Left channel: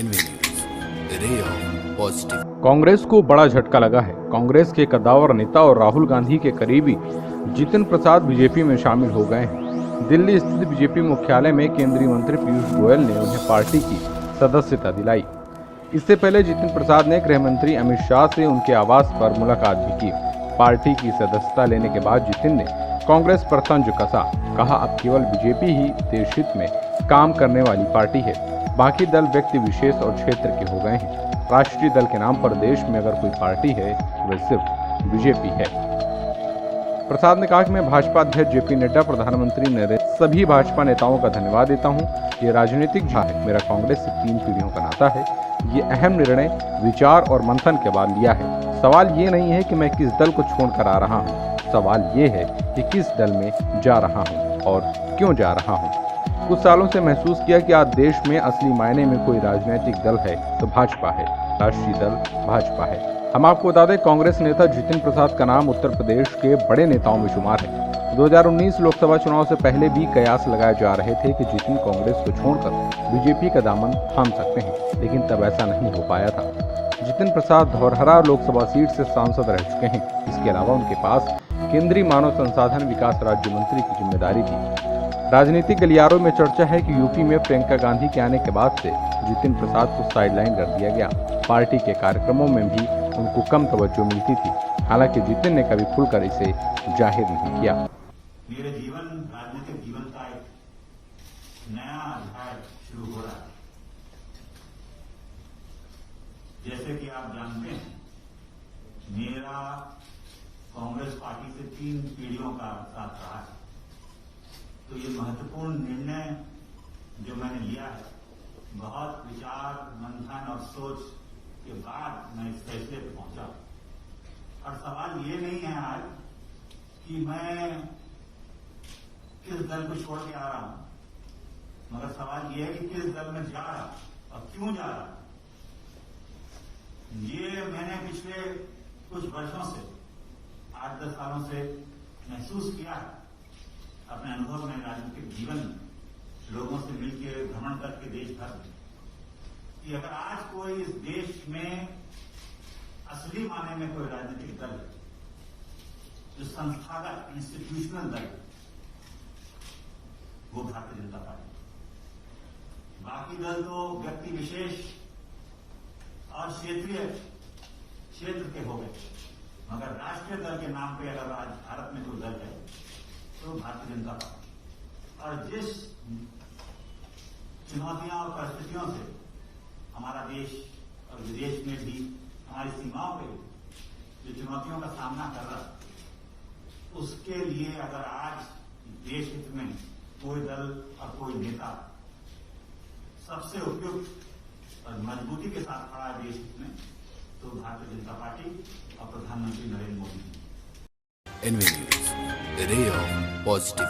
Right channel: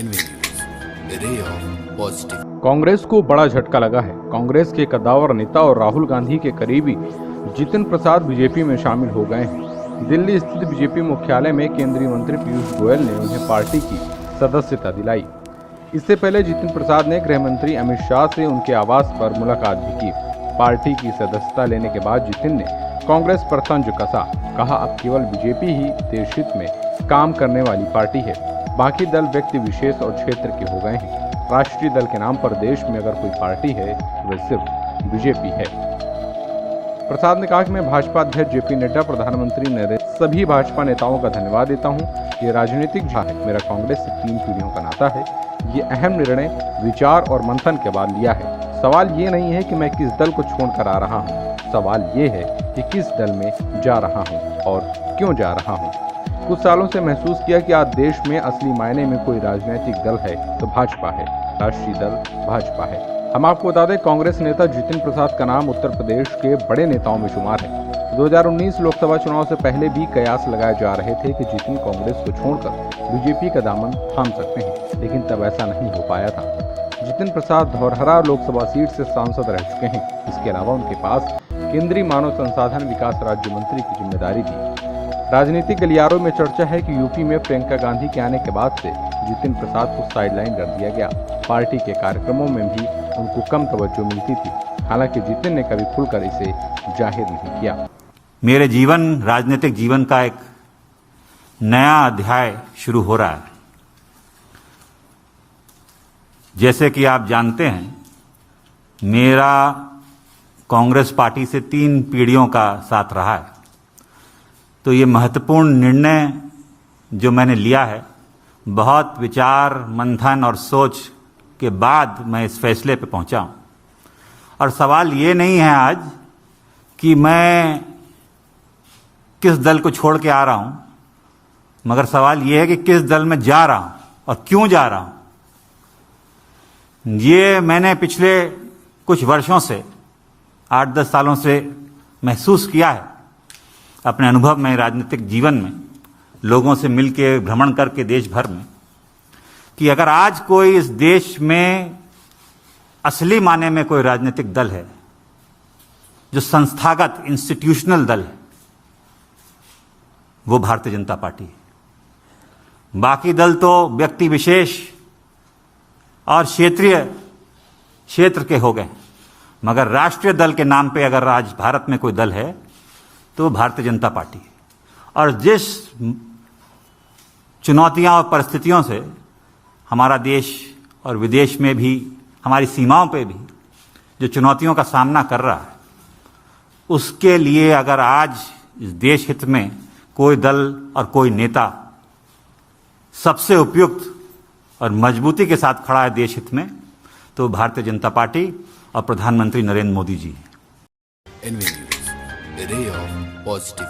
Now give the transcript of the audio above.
N V news, ray of positive. Congress को बड़ा झटका लगा है। कांग्रेस के कद्दावर नेता और राहुल गांधी के करीबी जितिन प्रसाद बीजेपी में शामिल हो गए हैं। दिल्ली स्थित बीजेपी मुख्यालय में केंद्रीय मंत्री पीयूष गोयल ने उन्हें पार्टी की सदस्यता दिलाई। इससे पहले जितिन प्रसाद ने गृह मंत्री अमित शाह से उनके आवास पर मुलाकात भी की। पार्टी की सदस्यता लेने के बाद जितिन ने कांग्रेस पर तंज कसा। कहा, अब केवल बीजेपी ही देश हित में काम करने वाली पार्टी है, बाकी दल व्यक्ति विशेष और क्षेत्र के हो गए हैं। राष्ट्रीय दल के नाम पर देश में अगर कोई पार्टी है तो वह सिर्फ बीजेपी है। प्रसाद ने कहा कि मैं भाजपा अध्यक्ष जेपी नड्डा, प्रधानमंत्री नरेंद्र, सभी भाजपा नेताओं का धन्यवाद देता हूं। ये राजनीतिक है, मेरा कांग्रेस से 3 पीढ़ियों का नाता है। ये अहम निर्णय विचार और मंथन के बाद लिया है। सवाल ये नहीं है कि मैं किस दल को छोड़कर आ रहा हूँ, सवाल ये है कि किस दल में जा रहा हूँ और क्यों जा रहा हूँ। कुछ सालों से महसूस किया कि आज देश में असली मायने में कोई राजनीतिक दल है तो भाजपा है, राष्ट्रीय दल भाजपा है। हम आपको बता दें, कांग्रेस नेता जितिन प्रसाद का नाम उत्तर प्रदेश के बड़े नेताओं में शुमार है। 2019 लोकसभा चुनाव से पहले भी कयास लगाए जा रहे थे कि जितिन कांग्रेस को छोड़कर बीजेपी का दामन थाम सकते हैं, लेकिन तब ऐसा नहीं हो पाया था। जितिन प्रसाद धौरहरा लोकसभा सीट से सांसद रह चुके हैं। इसके अलावा उनके पास केंद्रीय मानव संसाधन विकास राज्य मंत्री की जिम्मेदारी थी। राजनीतिक गलियारों में चर्चा है कि यूपी में प्रियंका गांधी के आने के बाद से जितिन प्रसाद को साइडलाइन कर दिया गया। पार्टी के कार्यक्रमों में भी उनको कम तवज्जो मिलती थी। हालांकि जितिन ने कभी खुलकर इसे जाहिर नहीं किया। मेरे राजनीतिक जीवन का एक नया अध्याय शुरू हो रहा है। जैसे कि आप जानते हैं, मेरा कांग्रेस पार्टी से 3 पीढ़ियों का साथ रहा है। तो ये महत्वपूर्ण निर्णय जो मैंने लिया है, बहुत विचार मंथन और सोच के बाद मैं इस फैसले पे पहुंचा हूं। और सवाल ये नहीं है आज कि मैं किस दल को छोड़ के आ रहा हूं, मगर सवाल ये है कि किस दल में जा रहा हूं और क्यों जा रहा हूं। ये मैंने पिछले कुछ वर्षों से 8-10 सालों से महसूस किया है अपने अनुभव में, राजनीतिक जीवन में, लोगों से मिलके भ्रमण करके देश भर में, कि अगर आज कोई इस देश में असली माने में कोई राजनीतिक दल है जो संस्थागत इंस्टीट्यूशनल दल है, वो भारतीय जनता पार्टी है। बाकी दल तो व्यक्ति विशेष और क्षेत्र के हो गए, मगर राष्ट्रीय दल के नाम पे अगर आज भारत में कोई दल है तो भारतीय जनता पार्टी है। और जिस चुनौतियां और परिस्थितियों से हमारा देश और विदेश में भी, हमारी सीमाओं पे भी जो चुनौतियों का सामना कर रहा है, उसके लिए अगर आज इस देश हित में कोई दल और कोई नेता सबसे उपयुक्त और मजबूती के साथ खड़ा है देश हित में, तो भारतीय जनता पार्टी और प्रधानमंत्री Narendra Modi ji. NV news, ray of positive.